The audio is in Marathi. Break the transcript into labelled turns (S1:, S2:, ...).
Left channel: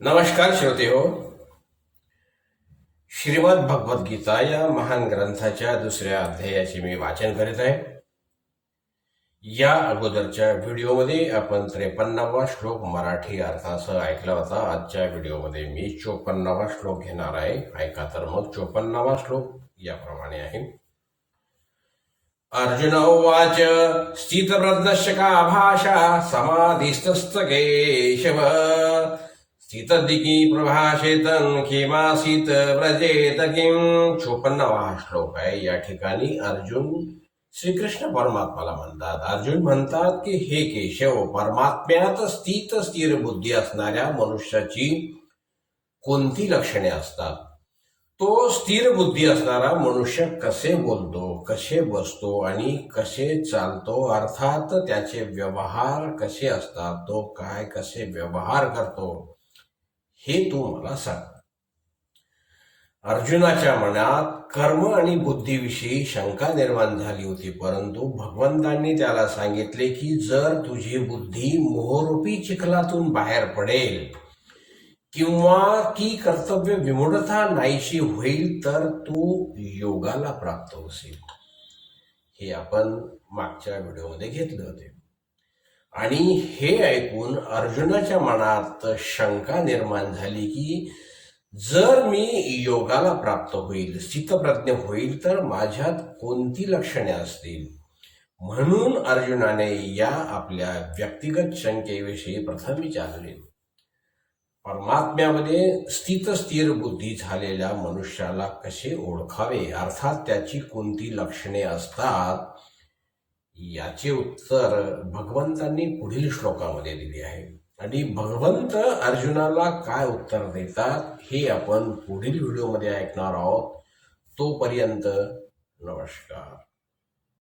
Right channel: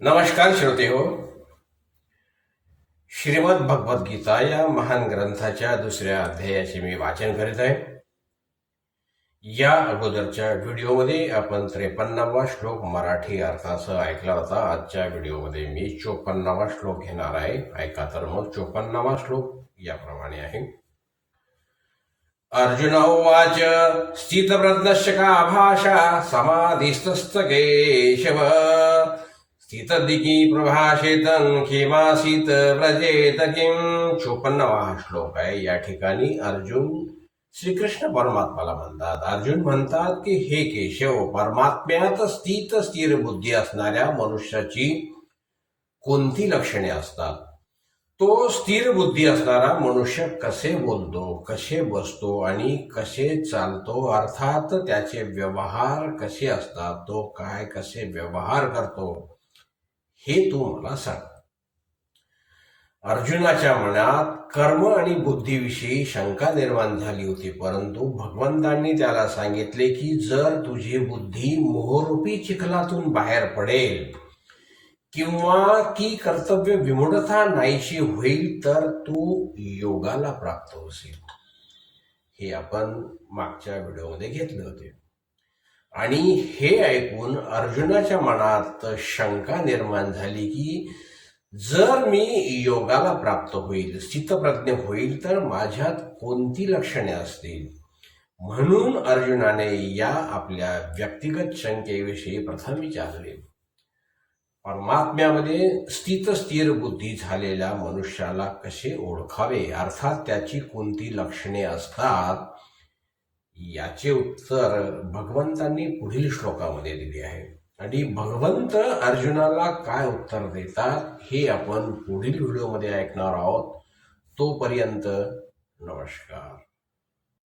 S1: नमस्कार श्रोते हो. श्रीमद भगवद्गीता या महान ग्रंथाच्या दुसऱ्या अध्यायाचे मी वाचन करीत आहे. या अगोदरच्या व्हिडिओमध्ये आपण त्रेपन्नावा श्लोक मराठी अर्थासह ऐकला होता. आजच्या व्हिडिओमध्ये मी चोपन्नावा श्लोक घेणार आहे. ऐका तर मग चोपन्नावा श्लोक याप्रमाणे आहे. अर्जुन उवाच स्थितप्रज्ञस्य का भाषा समाधीस्तस्त केशव स्थितदिकी प्रभाषेतन खेमासीत व्रजेत किम चोपन्नावा श्लोक आहे या ठिकाणी अर्जुन श्रीकृष्ण परमात्माला म्हणतात. अर्जुन म्हणतात की हे केशव परमात्म्यात स्थित स्थिर बुद्धी असणाऱ्या मनुष्याची कोणती लक्षणे असतात? तो स्थिर बुद्धी असणारा मनुष्य कसे बोलतो कसे बसतो आणि कसे चालतो? अर्थात त्याचे व्यवहार कसे असतात? तो काय कसे व्यवहार करतो? हे तू मला सांग. अर्जुनाच्या मनात कर्म आणि बुद्धीविषयी शंका निर्माण झाली होती परंतु भगवंतांनी त्याला सांगितले की जर तुझी बुद्धी मोहरूपी चिखलातून बाहेर पडेल किंवा की कर्तव्य विमूढता नाहीशी होईल तर तू योगाला प्राप्त होशील. हे आपण मागच्या व्हिडिओमध्ये घेतले होते. आणि हे ऐकून अर्जुनाच्या मनात शंका निर्माण झाली की जर मी योगाला प्राप्त होईल स्थितप्रज्ञ होईल तर माझ्यात कोणती लक्षणे असतील? म्हणून अर्जुनाने या आपल्या व्यक्तिगत शंकेविषयी प्रथम विचारले. परमात्म्यामध्ये स्थित स्थिर बुद्धी झालेल्या मनुष्याला कसे ओळखावे? अर्थात त्याची कोणती लक्षणे असतात? याचे उत्तर भगवंतांनी पुढील श्लोकामध्ये दिले आहे. आणि भगवंत अर्जुनाला काय उत्तर देतात हे आपण पुढील व्हिडिओमध्ये ऐकणार आहोत. तोपर्यंत नमस्कार.